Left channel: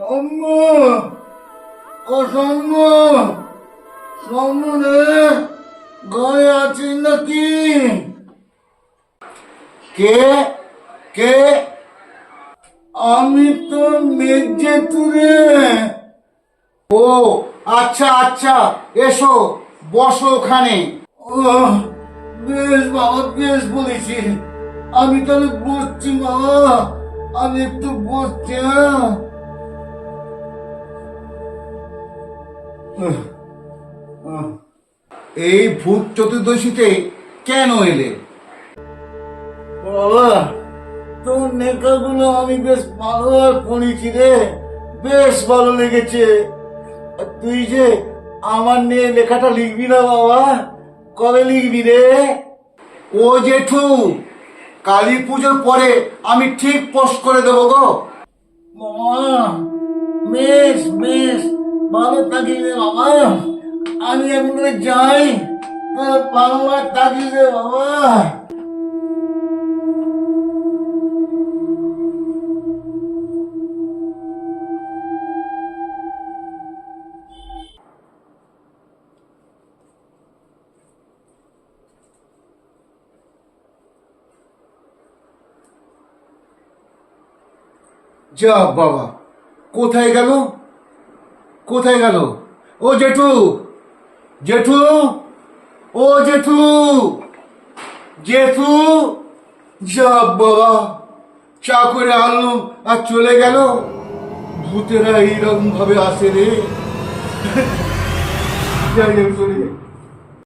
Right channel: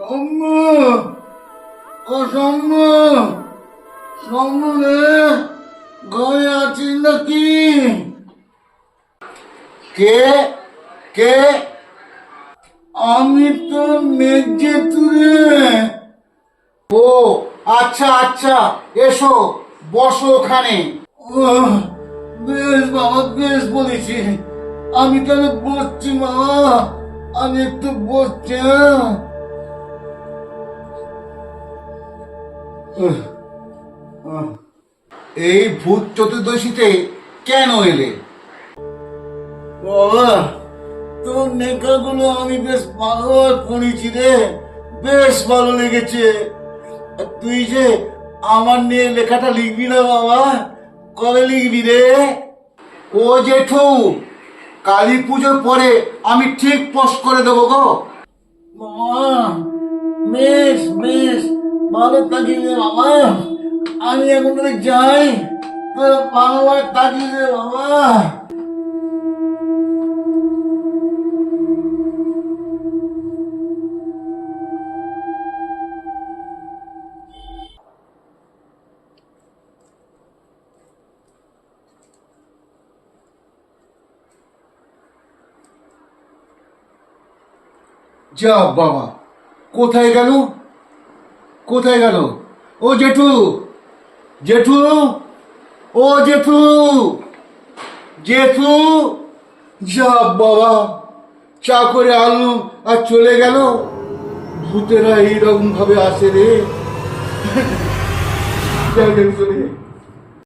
সৌম্য, ও সৌম্য, সৌম্য রে, ঘরে আছিস নাকি? কে? কে? আমি তো মেজেতু রে। ও আচ্ছা আচ্ছা, এসো, বসো ওখানে। বেশ বাবা, বেশ বলেছি। আমি তাহলে বসছি মা, আমি একটু বসছি। এই ভূত চতুর্দশীতে কেন এলে? বাবা, তোর নেকাগুলো আমি বেশ ভালোভাবে পড়েছি রে, বেশ ভালো লেগেছে। আর তুই যে আমার নিয়ে লেখাটা লিখবি না বাবা, কবে লিখবি রে? ও জেঠু, কালী পুজোর পরে আমি ঠিক পোস্ট করে দেবো গো। বাবা, বেশ বেশ, ভালো থাকিস রে বাবা। আমি এখন যাই, তোর ভালোভাবে থাকিস রে বাবা। যা বাবা, কোথায় গেল? কোথায় গেল? ও জেঠু, জেঠু, ও জেঠু, জেঠু। যা বাবা, চা করে আলু আর চলে গেল। ভূতেরা এইরকম ভাবে আসে রে। যাই চলে যাই।